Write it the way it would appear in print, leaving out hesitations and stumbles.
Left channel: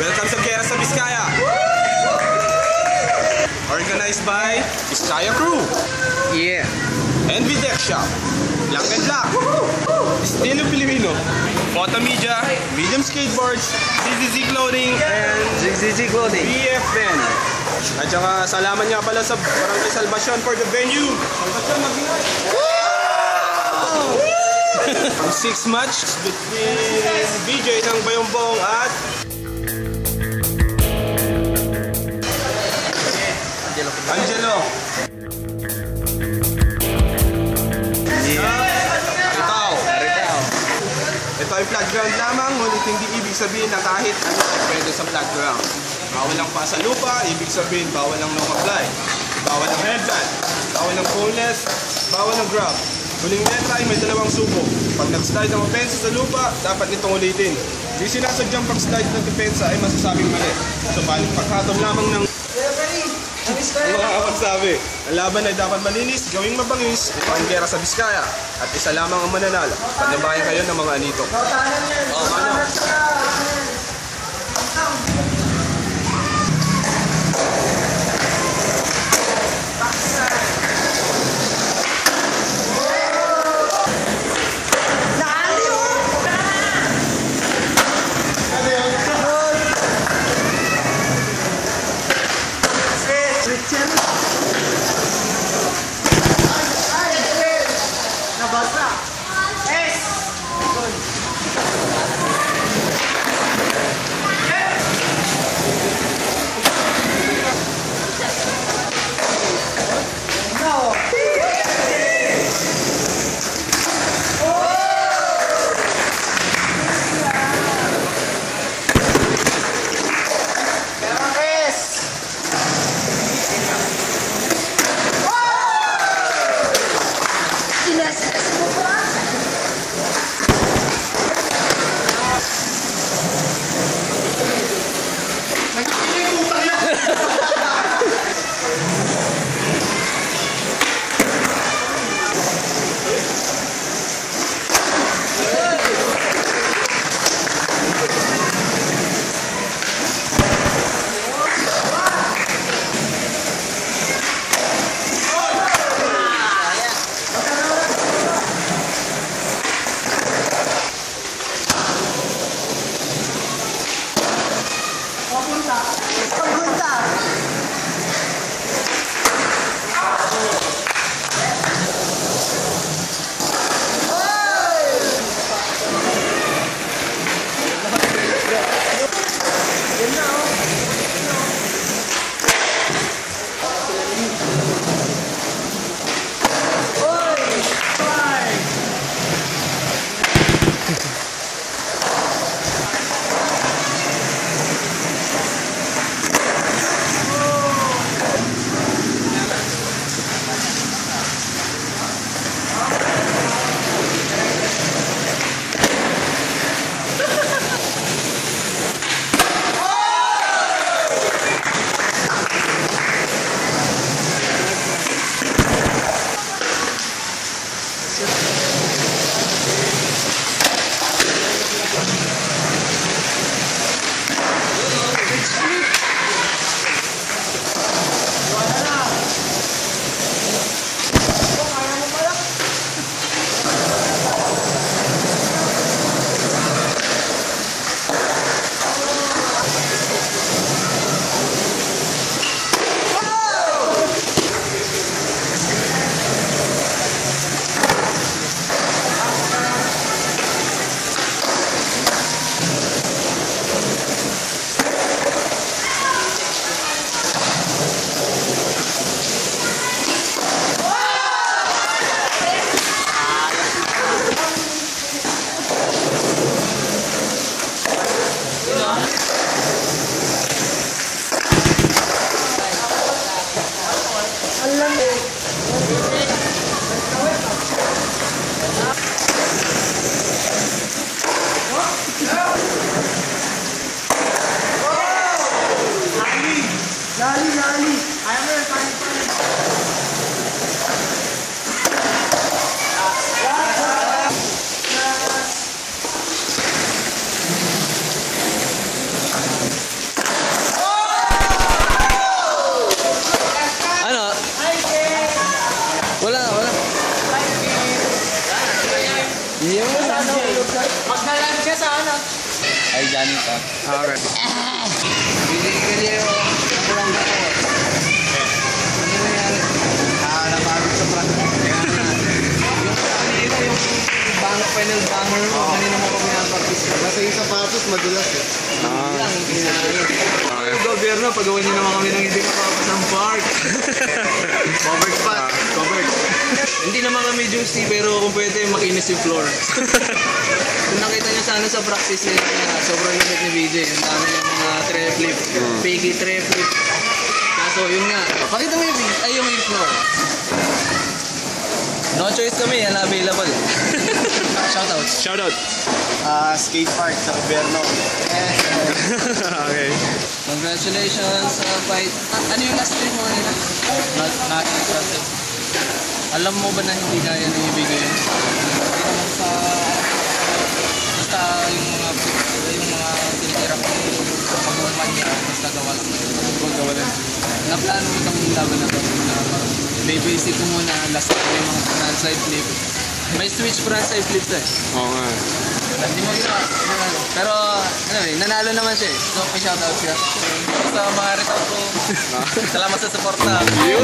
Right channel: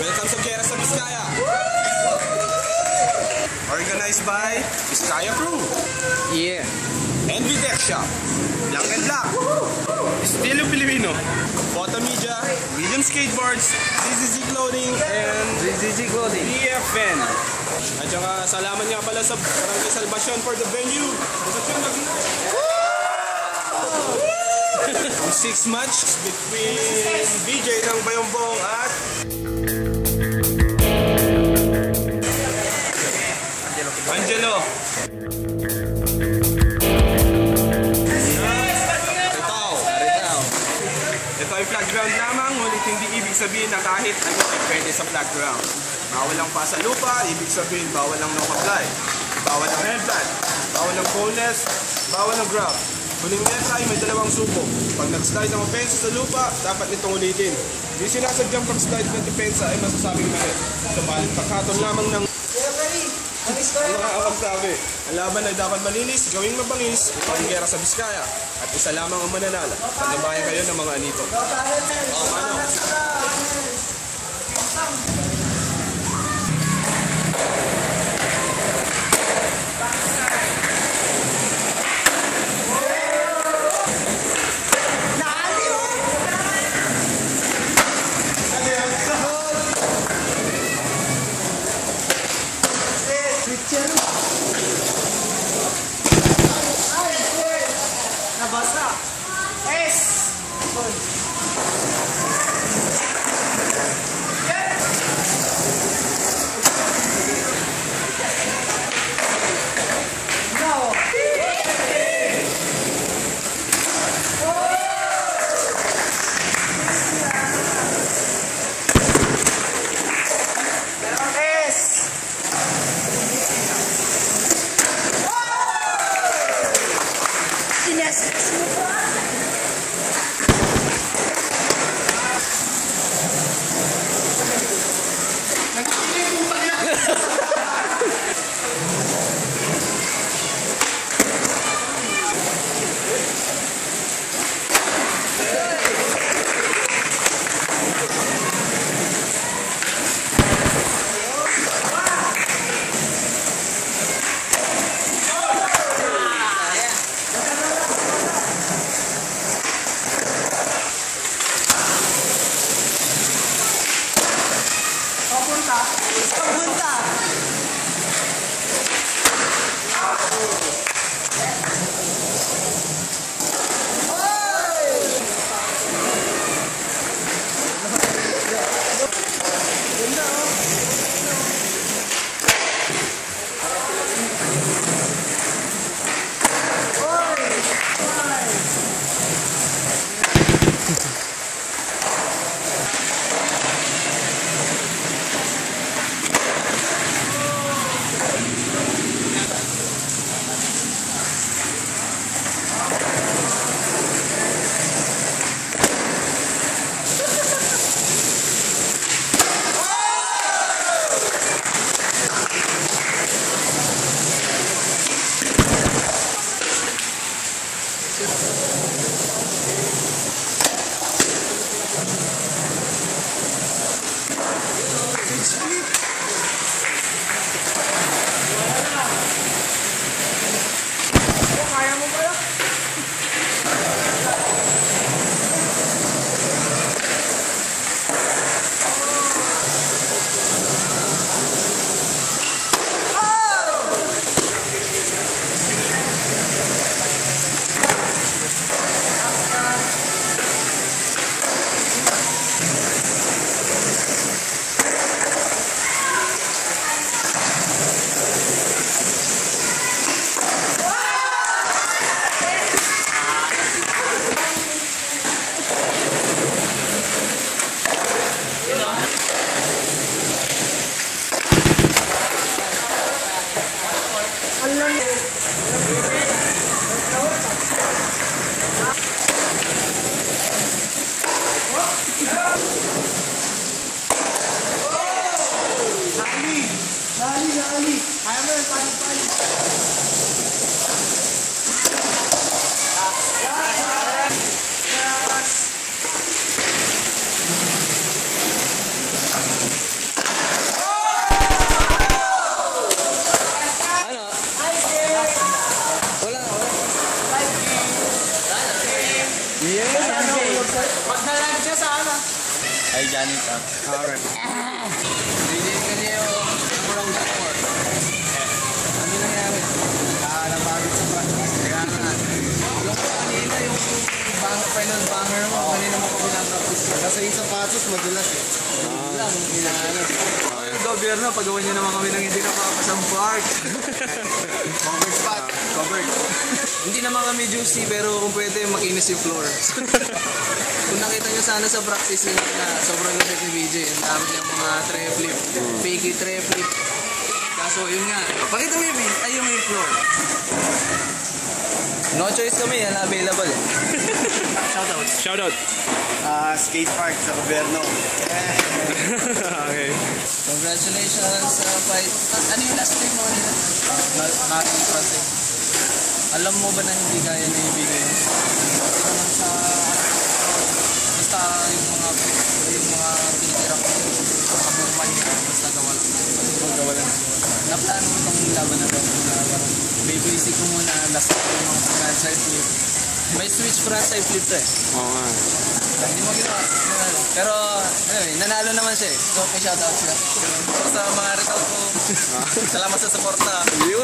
Welcome sa Gera sa Biskaya. Organized by Biskaya Crew. Yeah. Envy Deck Shop. Blank and Black. Estilo Filipino. Photo Media. William Skateboards. ZZZ Clothing. And ZZZ Clothing. BFN. At saka salamat nga pala sa Barangay Salvacion for the venue. Ang 6 match between BJ ng Bayombong at Angelo. Aritao. Ito ay flat ground lamang, ngunit hindi ibig sabihin na kahit ano ay pwede sa flat ground. Bawal ang pa sa lupa, ibig sabihin bawal ang no-apply. Bawal ang headband, bawal ang boneless, bawal ang grab. Huling letra ay may dalawang subo. Pag nag-slide ang opensa sa lupa, dapat nitong ulitin. Di sinasadyang pag-slide ng depensa ay masasabing mali. So, pagkatong lamang ng sabi, ang laban ay dapat malinis, gawing mabangis. Ito ang Gera sa Biskaya. At isa lamang ang mananalo. Pagnabayan kayo ng mga anito. Oh, mano. Kay Johnny Tap. Okay. Hindi yung nakurang na ako. Ano nangyari? Napagod sa practice. Kaya nga. Yung kanina, yung final banger mo, kanina mo pa pinapractice ka. Kasi yung sapatos madulas eh. Lang, yung gobyerno, pagawa niyo naman kami ng hindi nakapasang park. Covered spot. Covered. Hindi naman kami juicy, pero kung pwede, makinis yung floor. Kung nakita niyo sana sa practice niya, sobrang lupit ni BJ. Ang dami niya mga tray flip, fakey tray flip. Kaso yun nga, pakita mo yung floor. No choice kami, yan available. Shoutouts. Shoutout. Skate park sa gobyerno. Okay. Congratulations sa fight. Ano yung last stream mo nila? Not impressive. Alam mo ba na hindi kaya na ibigay yun? Sa... Basta yung mga tinitira ko sa pagmuman niya, basta gawa lang. Gawa lang. Naplano ko itong laban na ito. Basic ko muna, last time yung mga frontside flip. May switch frontside flip to eh. Oo nga. Hindi mo ginawa. Pero, nanalo naman siya eh. So, may shoutout siya. Sa mga result ko, salamat sa support na. Yun.